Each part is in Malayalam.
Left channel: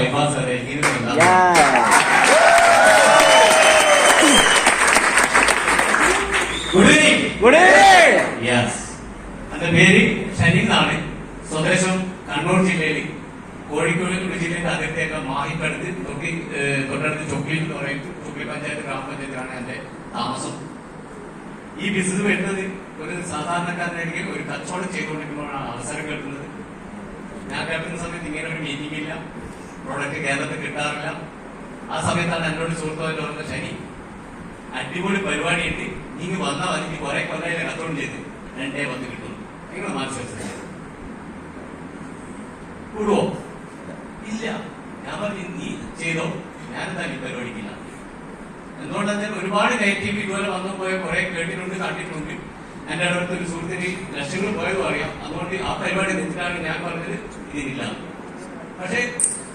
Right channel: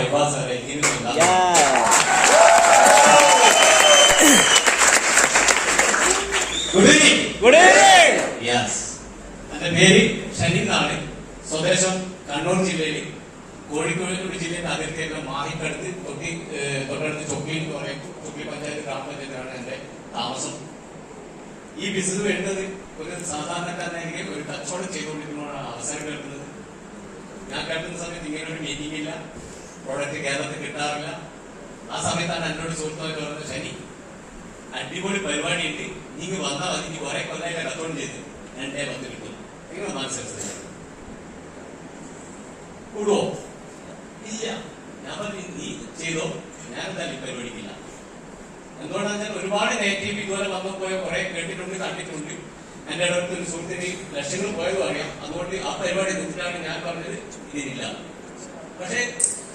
ബൈപ്പാസ് സാറേ. Good evening. യെസ്, എന്റെ പേര് ഷനീൻ എന്നാണ്. സ്വദേശം കണ്ണൂർ ജില്ലയിൽ കോഴിക്കോട് ജില്ലയുടെ അതിർത്തിയൊക്കെ മാറിപ്പടുത്ത് തൊട്ടടുത്ത് ചൊക്ലി എന്ന് പറയും. ചൊക്ലി പഞ്ചായത്ത് ഗ്രാമപഞ്ചായത്താണ് എന്റെ താമസം. ഈ ബിസിനസ് വരുന്നത് ഒരു സാധാരണക്കാരനാണെങ്കിൽ ഒരു കച്ചവടം ചെയ്തുകൊണ്ടിരിക്കുമ്പോഴാണ് അവസരം കേൾക്കുന്നത്. ഞാൻ കേൾക്കുന്ന സമയത്ത് ഇങ്ങനെ ഒരു മീറ്റിംഗ് ഇല്ല, പ്രോഡക്റ്റ് കേരളത്തിൽ കിട്ടാറില്ല. ആ സമയത്താണ് എന്നോട് സുഹൃത്തുക്കൾ പറഞ്ഞ ശനി അടിപൊളി പരിപാടിയുണ്ട്, നീ വന്നാൽ മതി, നീ കുറെ കൊല്ലായിട്ട് കച്ചവടം ചെയ്ത് 2 കിട്ടും. നിങ്ങൾ മനസ്സിലാക്കി കൂടുവോ? ഇല്ല. ഞാൻ പറഞ്ഞു നീ ചെയ്തോ, ഞാനെന്തായാലും ഈ പരിപാടിക്കില്ല. എന്തുകൊണ്ടെന്നാൽ ഒരുപാട് നെഗറ്റീവ് ഇതുപോലെ വന്നു പോയ കുറെ കേട്ടിട്ടുണ്ട്, കണ്ടിട്ടുണ്ട്. എന്റെ അടുത്ത് ഒരു സുഹൃത്തിന് ലക്ഷങ്ങൾ പോയതും അറിയാം. അതുകൊണ്ട് ആ പരിപാടി നിർത്തിയാണ് ഞാൻ പറഞ്ഞത് ഇതിനില്ല. പക്ഷെ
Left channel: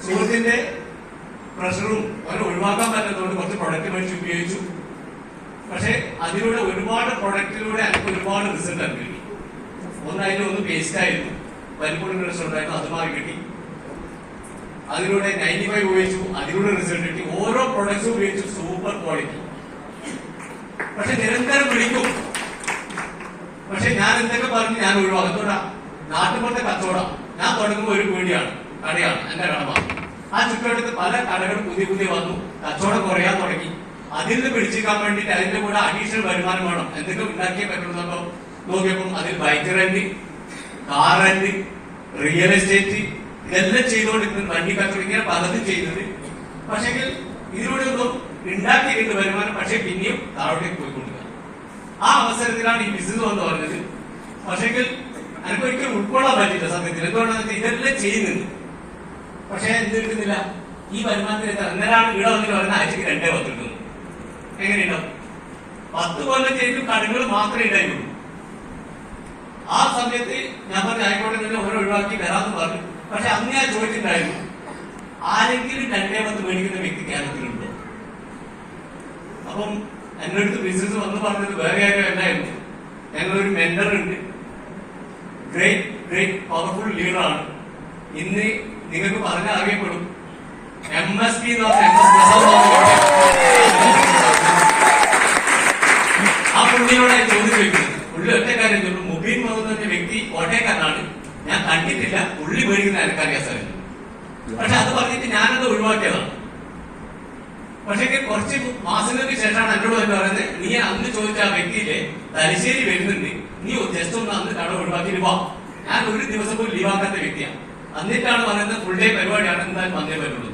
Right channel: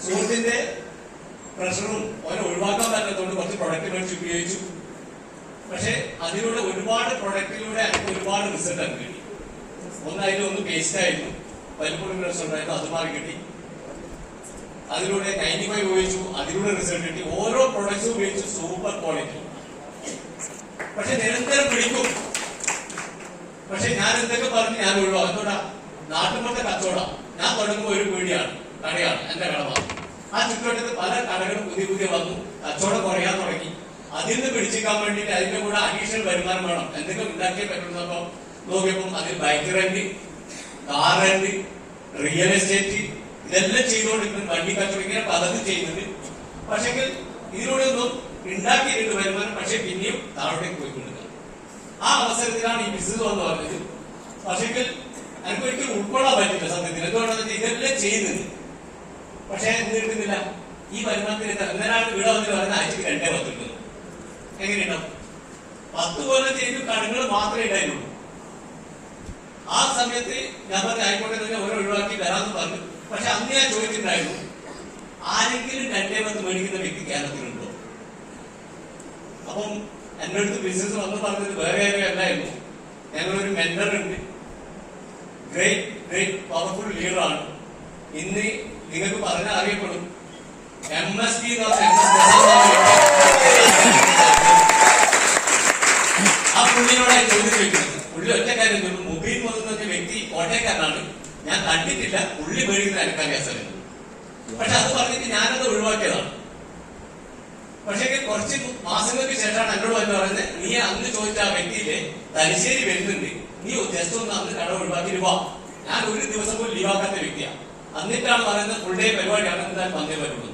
സുഹൃത്തിന്റെ പ്രഷറും അവരെ ഒഴിവാക്കാൻ പറ്റുന്നതുകൊണ്ട് കുറച്ച് പ്രൊഡക്റ്റ് മേടിച്ച് ഉപയോഗിച്ചു. പക്ഷെ അതിലൂടെ ഒരുപാട് പ്രൊഡക്റ്റിലൂടെ എനിക്ക് ഒരുപാട് റിസൾട്ട് അത് കിട്ടി. ഒന്ന് പേസ്റ്റ് ആയിരുന്നു, പരിപ്പൂർണ്ണ റിസൾട്ട് ആയിരുന്നു, അത് മാറി കിട്ടി. അതിലൂടെ 95 ഉപയോഗിച്ചു, അതിലൂടെ റിസൾട്ട് കിട്ടി. ഓരോ പ്രൊഡക്ട്സും ഉപയോഗിച്ചു, സൂപ്പർ ക്വാളിറ്റി. പക്ഷെ നിരന്തരം പിടിക്കും. പക്ഷെ ഞാൻ എന്തൊക്കെ പറഞ്ഞ് ഞാൻ ഒഴിവാക്കും. എന്തുകൊണ്ടാ? നാട്ടുപുറത്തെ കച്ചവടം. ഞാൻ തുടങ്ങുമ്പോൾ ഒരു കടയാണ്, എന്റെ കടമ. ആ ചുറ്റുവട്ടത്ത് പല കടകളും പുതിയ വന്നു, കച്ചവടം കുറയാൻ തുടങ്ങി. അതിൽ നിന്ന് പിടിച്ചിരിക്കാൻ വേണ്ടിയിട്ട് അതിന്റെ കൂടെ അഡീഷണൽ വരുമാനം വേണം, എന്തെങ്കിലും ഉണ്ടാക്കിയേ പറ്റുള്ളൂ. നോക്കിയപ്പോൾ അതിൽ bike rent, car rent, real estate ഇതെല്ലാം ചെയ്തുകൊണ്ടിരിക്കുന്നത്. വണ്ടി കച്ചവടം ഇങ്ങനെ പലതും ചെയ്യുന്നത്. പക്ഷേ ഇതിലൂടെ ഒന്നും ഉണ്ടാക്കിയിട്ട് വരുമാനം, പക്ഷെ പിന്നെയും താഴോട്ടേക്ക് പോയിക്കൊണ്ടിരിക്കുക. ആ അവസരത്തിലാണ് ഈ ബിസിനസ് എന്ന് പറഞ്ഞത്. പക്ഷേ എനിക്ക് ഒരിക്കലും ഉൾക്കൊള്ളാൻ പറ്റില്ല സത്യത്തിൽ. എന്തുകൊണ്ടാണ് ഇതെല്ലാം ചെയ്യുന്നത്? പക്ഷെ എന്തെടുക്കുന്നില്ല, ഈ വരുമാനത്തിൽ എന്നൊരാൾ ഇവിടെ വന്നിട്ട് പറയുന്ന ആഴ്ചക്ക് 2-10 കിട്ടുന്നു. എങ്ങനെയുണ്ടാവും? 10 കൊല്ലം ചെയ്തു കടകൾ മാത്രമേ ഉണ്ടായിട്ടുള്ളൂ. ആ സമയത്ത് ഞാൻ പറഞ്ഞ ആയിക്കോട്ടെ തന്നെ ഓരോ ഒഴിവാക്കി വരാമെന്ന് പറഞ്ഞു. പക്ഷെ അന്ന് ഞാൻ ചോദിച്ചിട്ടുണ്ടായിരുന്നു, ആരെങ്കിലും 2-10 മേടിക്കുന്ന വ്യക്തി കേരളത്തിലുണ്ടോ? അപ്പം എന്റെ അടുത്ത് ബിസിനസ് വന്ന് പറഞ്ഞത് വേറെ ആരും അല്ലായിരുന്നു. ഞങ്ങളൊരു മെന്റർ ഉണ്ട്, ഗ്രേറ്റ് പവർഫുൾ ലീഡറാണ്. ഇന്ന് നിങ്ങൾക്ക് പറഞ്ഞ അറിയപ്പെടും. MSP ആ പുള്ളിയോടായി ചോദ്യം ചോദിക്കുന്നത്. പുള്ളി ഒറ്റ കാര്യം ചോദിച്ചു, മുബീൻ മുഹമ്മദ് എന്ന വ്യക്തി കോട്ടയക്കാരനാണ്, ഞാൻ കണ്ടിട്ടില്ല, പുള്ളി മേടിക്കുന്ന എനിക്കറിയാൻ സാധിക്കും. പക്ഷെ അത് പറഞ്ഞിട്ട് ഞാനത് ഒഴിവാക്കിയതാണ്. പക്ഷേ കുറച്ച് മാസങ്ങൾക്ക് ശേഷമാണ് എന്നോട് എന്ന് പറയുന്നത്, നീ അന്ന് ചോദിച്ച ആ വ്യക്തിയിലെ തലശ്ശേരി വരുന്നുണ്ട്, നീ ജസ്റ്റ് ഒന്ന് അന്ന് കട ഒഴിവാക്കി വാ. ഞാൻ ഒരു ദിവസം പോലും ലീവാക്കാത്ത വ്യക്തിയാണ്. എന്നിട്ടാണ് പറയുന്നത് ഫുൾ ഡേ പരിപാടിയാണ്, എന്തായാലും വന്നേ വരുള്ളൂ.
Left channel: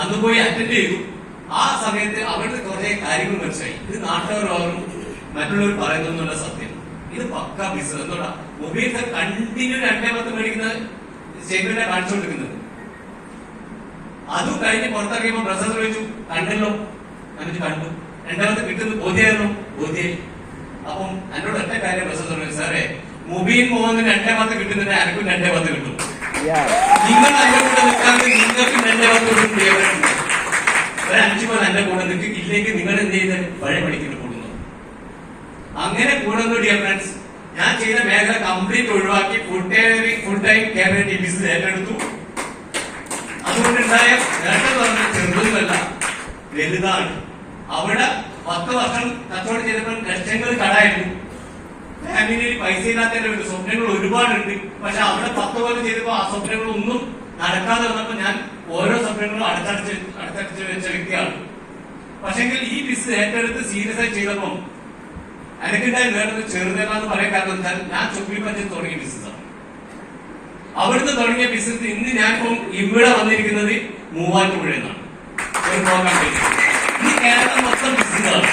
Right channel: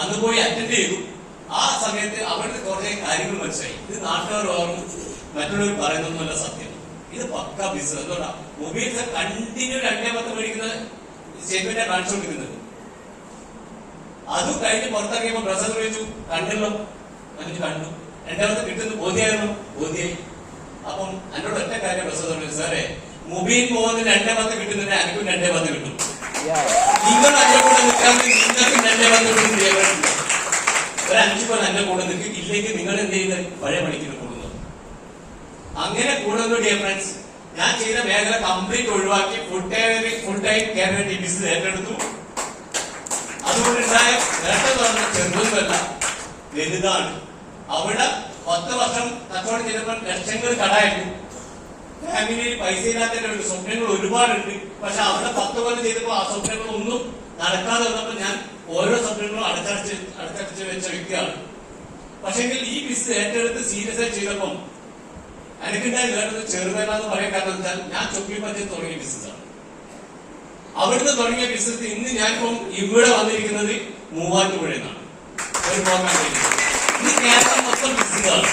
അന്ന് പോയി അറ്റൻഡ് ചെയ്തു. ആ സമയത്ത് അവിടുത്തെ കുറേ കാര്യങ്ങൾ മനസ്സിലായി. ഇത് നാട്ടുകാരും മറ്റുള്ളവർ പറയുന്നൊന്നുമല്ല സത്യം. ഇത് പക്ക ബിസിനസ്. എന്തുകൊണ്ടാ മൊബൈൽ കണ്ടിന്യൂ 2-10 മേടിക്കുന്ന സ്റ്റേറ്റ്മെന്റാണ് കാണിച്ചുകൊണ്ടിരിക്കുന്നത്. അതും കഴിഞ്ഞ് പുറത്തിറങ്ങിയപ്പോ പ്രസവം ചോദിച്ചു, കണ്ടല്ലോ, എന്നിട്ട് കണ്ടു. 2-10 കിട്ടുന്നു, ബോധ്യായി. അപ്പം എന്നോട് ഒറ്റ കാര്യം പ്രസവം പറഞ്ഞു, സാറേ മുബീൻ പോകുന്ന 2-10 കിട്ടുന്നുണ്ട്, എനിക്കും 2-10 കിട്ടും. നിങ്ങൾ എന്റെ കൂടെ നിൽക്കാതെ നിങ്ങൾക്കും 2-10 കിട്ടും. ഒരു 5 കൊല്ലം എന്റെ കൂടെ നിൽക്കും, ഇല്ലെങ്കിൽ നിങ്ങൾ എന്ത് ചെയ്യുന്നത് പഴയ പണിക്ക് കൂടുന്നു. അങ്ങനെ കൂടുന്നു. ഡിയർ ഫ്രണ്ട്സ്, ഞാൻ ചെയ്ത മേഖല കംപ്ലീറ്റ് ഒഴിവാക്കി ഫുൾ ടൈം കേരള ബിസിനസ് ഏറ്റെടുത്തു. അതുകൊണ്ടുണ്ടായ നേട്ടം പറഞ്ഞ ചെറുതൊന്നുമല്ല, വലുതാണ്. അവിടെ 10 വർഷം കച്ചവടം ചെയ്തപ്പോൾ ലക്ഷങ്ങൾ കടായിരുന്നു. ഫാമിലിയിൽ പൈസ ഇല്ലാത്തതിന്റെ സ്വപ്നങ്ങൾ ഒരുപാടുണ്ട്. പക്ഷെ അവിടെ 10 കൊല്ലം ചെയ്തപ്പോൾ ആ സ്വപ്നങ്ങളൊന്നും നടക്കാതെ വന്നപ്പോൾ ഞാൻ ഓരോ സ്വപ്നങ്ങളും അടുത്തടുത്ത് വെച്ച വ്യക്തിയാണ്. പക്ഷെങ്കിൽ ഈ ബിസിനസ് ഏറ്റെടുത്ത് സീരിയസ് ആയി ചെയ്തപ്പം എനിക്കുണ്ടായി നേടുന്നത് ചെറുതേന്ന് പറയാൻ കാരണം വെച്ചാൽ ഞാൻ ചൊക്ലി പഞ്ചായത്ത് തുടങ്ങിയ ബിസിനസ്സാണ്. അവിടുന്ന് തുടങ്ങിയ ബിസിനസ് ഇന്ന് ഞാനിപ്പം ഇവിടെ വന്നിരിക്കുന്നത് മൂവാറ്റുപുഴ എന്നാണ് ഒരു പ്രോഗ്രാം. ഇന്ന് കേരളം മൊത്തം ബിസിനസ്സാണ്.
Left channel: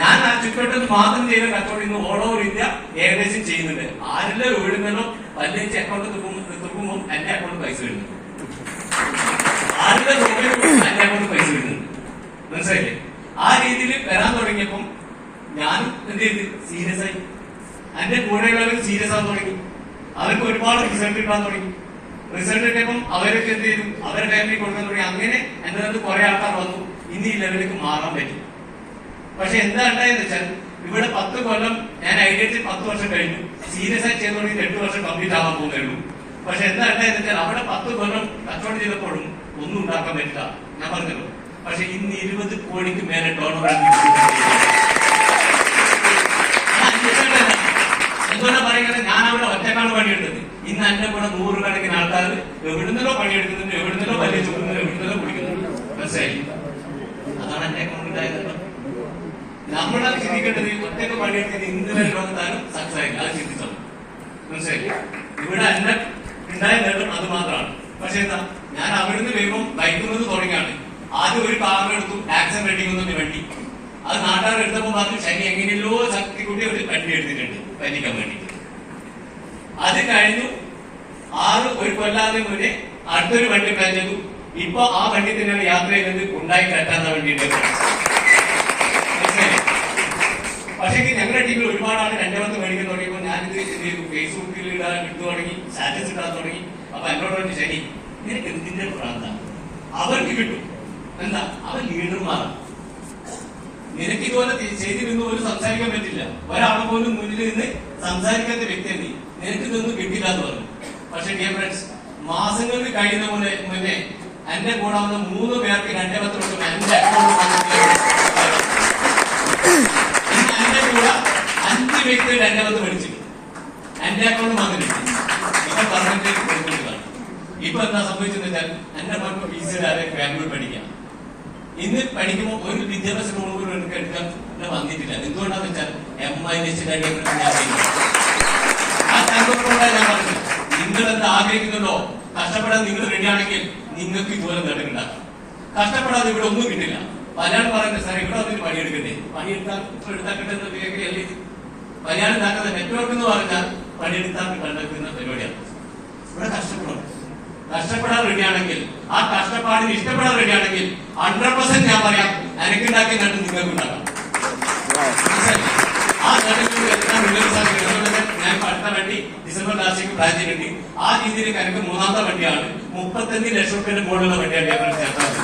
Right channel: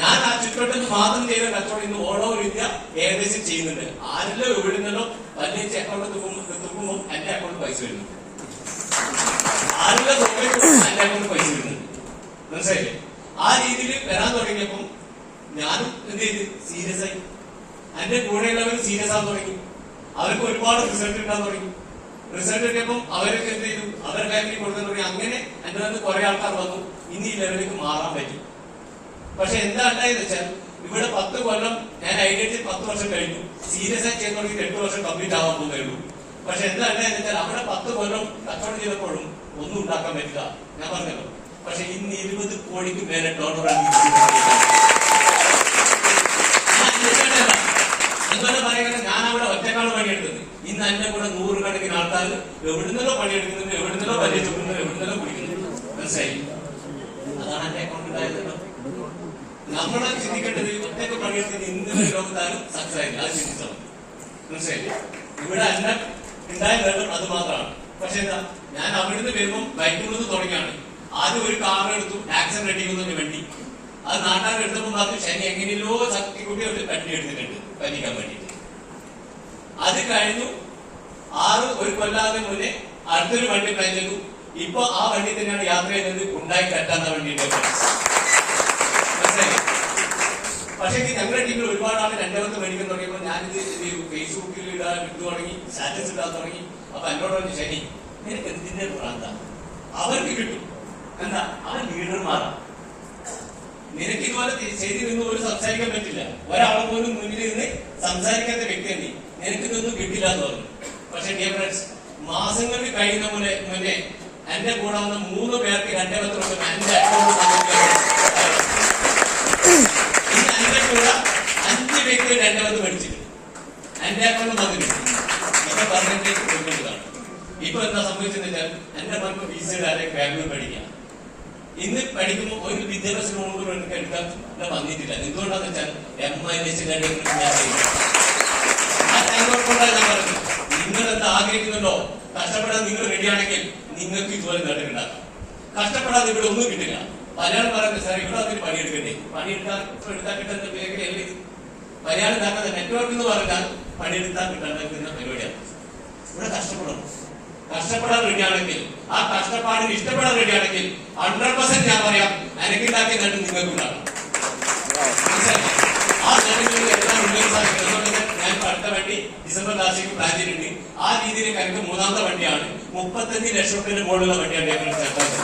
ഞാൻ ആ ചുറ്റോട്ടത്തിൽ മാത്രം ചെയ്ത കച്ചവടം ഇന്ന് ഓൾ ഓവർ ഇന്ത്യ ഏകദേശം ചെയ്യുന്നുണ്ട്. ആരെല്ലാം വിടുന്നല്ലോ പതിനഞ്ച് അക്കൗണ്ട് തുറക്കുമ്പോൾ എന്റെ അക്കൗണ്ട് പൈസ വരുന്നുണ്ട്. ആരെല്ലാം എന്റെ അക്കൗണ്ട് പൈസ വരുന്നുണ്ട്. മനസ്സിലായില്ലേ? ആ രീതിയിൽ വരാൻ തുടങ്ങിയപ്പം ഞാനും എന്ത് ചെയ്ത് സീരിയസ് ആയി. എന്റെ കൂടെയുള്ളവർ സീരിയസ് ആകാൻ തുടങ്ങി. അവർക്ക് ഒരുപാട് റിസൾട്ട് കിട്ടാൻ തുടങ്ങി. റിസൾട്ട് കിട്ടിയപ്പം അവരൊക്കെ എന്ത് ചെയ്തു, അവരുടെ ടൈമിൽ കൊടുക്കാൻ തുടങ്ങി. അങ്ങനെ എന്റെ അടുത്ത് കുറെ ആൾക്കാർ വന്നു. ഇന്ന് ഈ ലെവലിലേക്ക് മാറാൻ പറ്റി. പക്ഷെ എന്താ ഉണ്ടായെന്ന് വെച്ചാൽ ഇവിടെ 10 കൊല്ലം ഞാൻ ഐഡിയത്തിൽ 10 വർഷം കഴിഞ്ഞു. സീരിയസ് ആയി ചെയ്ത് തുടങ്ങി 8 വർഷം കംപ്ലീറ്റ് ആവാൻ പോകുന്നേ ഉള്ളൂ. പക്ഷെ എന്താ ഉണ്ടായെന്ന് അവിടെ 10 കൊല്ലം കച്ചവടം ചെയ്തപ്പോഴും ഒന്നും ഉണ്ടാക്കാൻ പറ്റില്ല. ഞാൻ പറഞ്ഞല്ലോ. പക്ഷെ ഇന്ന് 20 കോടിക്ക് മേലെ ഡോളറാണ്. എന്തുകൊണ്ടാ പറയുന്നത്? ഞാൻ അവിടെ ഒറ്റക്കാണ് പണിയെടുത്തത്. ഇന്ന് എന്നെ കൂടെ 100 കണക്കിന് ആൾക്കാർ എവിടുന്നല്ലോ പണിയെടുക്കുന്നുണ്ട്, എവിടുന്നല്ലോ വലിയ ചുടുന്നത്, എവിടുന്നല്ലോ കുടിക്കുന്നുണ്ട്. മനസ്സിലായി? അതാണ് എന്റെ അക്കൗണ്ടിലായത്. നമ്മളെ ചിന്തിക്കേണ്ടത് ഒറ്റക്ക് പണിയെടുത്തത് ഇന്നലെ ലോകത്താണ് സക്സസ് ആയില്ല. അത് ചിന്തിച്ചത്. മനസ്സിലായി? ഇവിടെ എന്നെ ഉണ്ടായ നേട്ടം അത് മാത്രമാണ്. പക്ഷെ എന്താ, ഞാൻ അവിടുന്ന് വേഗം ബൈക്കുന്നത് തുടങ്ങിയാണ്. ആദ്യം ഒരു കാർ എടുത്തു, ആക്സിഡന്റ് വെട്ടിക്കുന്നതിന് വേണ്ടി. അത് നാട്ടുകാർ എടുത്തപ്പോൾ പറഞ്ഞു ശനി എങ്ങനെയല്ലോ ശക്തിക്കുട്ടി ഒരു കട്ടി എടുത്തിട്ടുണ്ട് പനിക്കാൻ വേണ്ടിട്ട്. അത് കഴിഞ്ഞു 1 കൊല്ലാതെ മുന്നേ അടുത്തൊരു വണ്ടി പ്ലാൻ ചെയ്തു. ഇപ്പൊ ആ വണ്ടി തന്നെയാണ് യാത്ര ചെയ്യുന്നത്, ഉണ്ടായി കെട്ടാത്ത വണ്ടിയുടെ. പക്ഷേ ഞങ്ങളുടെ ടീമിൽ ഒരുപാട് ആൾ 2 മേടിക്കാൻ തുടങ്ങിയപ്പോൾ ഞാനിത് എന്ത് ചെയ്തു, ഫേസ്ബുക്കിൽ ഇടാൻ ഇട്ടു തുടങ്ങി, സ്റ്റാറ്റസ് ഇടാൻ തുടങ്ങി. അപ്പൊ എന്നോട് പറഞ്ഞു ശരി നിനക്ക് എന്തിന്റെ പ്രാന്ത? അവർക്ക് കിട്ടും. എന്താ, അവൻ ലീഡർമാരാണ്. നിനക്ക് ഇതുപോലെ ചെയ്തി നിന്ന് പോലും സംസാരിക്കാൻ പറ്റില്ല. ഒരാളെ പോലും മുന്നിൽ നിന്ന് സംസാരിക്കാത്ത വ്യക്തിയാണ്. നിനക്ക് ഇതൊന്നും കിട്ടില്ല എന്ന് പറഞ്ഞു. പക്ഷെ ഡിയർ ഫ്രണ്ട്സ്, മാസങ്ങൾക്ക് കഴിയുന്ന മുന്നേ എന്റെ കൂടെ വന്ന 3 പേർക്ക് 2 പത്രം എന്റെ അക്കൗണ്ട്. എന്റെ കൂടെ 5 വ്യക്തികൾ 2 പത്ത് മേടിച്ചിട്ടുണ്ട്. എന്റെ അക്കൗണ്ട് വന്നിട്ടുണ്ട്. ഇപ്പൊ പെർസെന്റേജ് കൊടുക്കേണ്ടതാണ്. ഇപ്പൊ എന്താ സംഭവിച്ചെന്ന് വെച്ചാൽ എന്റെ മക്കൾ ഫീസിലാതെ ബാംഗ്ലൂർ പഠിക്കാം. ഇന്ന് പഠിക്കുമ്പോൾ ഒരു വിദ്യാഭ്യാസ ലോൺ പോലും എനിക്ക് എടുക്കാൻ വന്നിട്ടില്ല. എന്തുകൊണ്ടാന്ന് വെച്ചാൽ ഞാൻ പറഞ്ഞു, നിങ്ങൾ എന്താ ആഗ്രഹിക്കുന്നുണ്ടോ, കഷ്ടപ്പെടാൻ നിങ്ങൾ റെഡിയാണെങ്കിൽ നിങ്ങൾക്ക് ഇതുപോലെ നേട്ടമുണ്ടാക്കാം. കഷ്ടപ്പെടാതെ ഇവിടെ ഒന്നും കിട്ടില്ല. പലരും പറയുന്നത് സാർ ഇവിടെ അതിന് പണിയെടുക്കണ്ടേ, പണിയെടുത്താൽ കിട്ടുന്ന മേഖലയല്ലേ. മലയാളം ഉണ്ടാക്കുന്ന നെറ്റ്വർക്ക് എന്ന് പറഞ്ഞാൽ പണിയെടുത്താൽ കിട്ടാൻ പരിപാടിയാണ്. ഇവിടെ കഷ്ടപ്പെടാൻ റെഡിയാണെങ്കിൽ, ആ കഷ്ടപ്പാടിന് ഇഷ്ടപ്പെടാൻ റെഡിയാണെങ്കിൽ 100% ഞാൻ പറയാം എനിക്കുണ്ടാക്കിയ നേട്ടം നിങ്ങൾക്ക് ഉണ്ടാകാം. ആ നേട്ടങ്ങളിൽ എല്ലാം ഞാൻ അടുത്ത വണ്ടി ഡിസംബർ ലാസ്റ്റിലേക്ക് പ്ലാൻ ചെയ്തിട്ടുണ്ട്. ആ രീതിയിൽ എനിക്ക് 3ാമത്തെ വണ്ടിയാണ്. 35 ലക്ഷം രൂപയുടെ മുകളിലുള്ള വണ്ടിയാണ് ചേർത്തത്.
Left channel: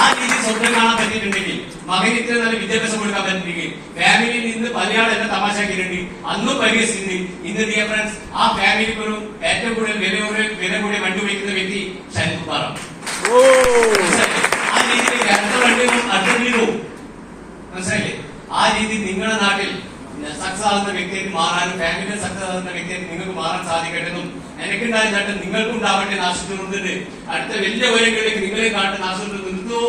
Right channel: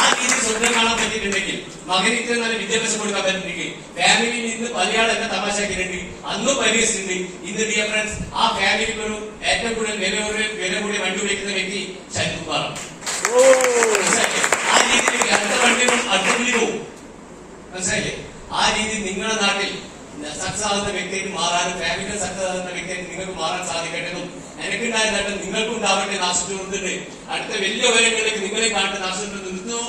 ആ രീതിയിൽ സ്വന്തം കാണാൻ പറ്റിയിട്ടുണ്ടെങ്കിൽ, മകന് ഇത്ര നല്ല വിദ്യാഭ്യാസം കൊടുക്കാൻ പറ്റിയിട്ടുണ്ടെങ്കിൽ, ഫാമിലിയിൽ നിന്ന് പലയാൾ എന്നെ തമാശാക്കിയിട്ടുണ്ട്, അന്നും പരിഹസിച്ചിട്ടുണ്ട്. ഇന്ന് ഡിയർ ഫ്രണ്ട്സ്, ആ ഫാമിലിക്ക് ഒരു ഏറ്റവും കൂടുതൽ വില കൂടിയ വണ്ടി ഉപയോഗിക്കുന്ന വ്യക്തി ഷൈൻകുമാറാണ്. ആ രീതിയിൽ 2 വണ്ടികളും അടുത്തുള്ളിൽ പോകും. മനസ്സിലായില്ലേ? ആ രീതിയിൽ നിങ്ങളുടെ നാട്ടിൽ സക്സസ് ആകുന്ന വ്യക്തിക്ക് മാറാനും ഫാമിലിയിൽ സക്സസ് ആകുന്ന വ്യക്തിക്ക് നിങ്ങൾക്ക് മാറാൻ സാധിക്കട്ടെന്നും എനിക്കുണ്ടായ നേട്ടം നിങ്ങൾക്കും ഉണ്ടാവട്ടെ. ആശുപത്രി അടുത്ത വലിയ ഉയരങ്ങളിലേക്ക് നിങ്ങളെ കാണുന്ന ആശുപത്രി നിർത്തുന്നു.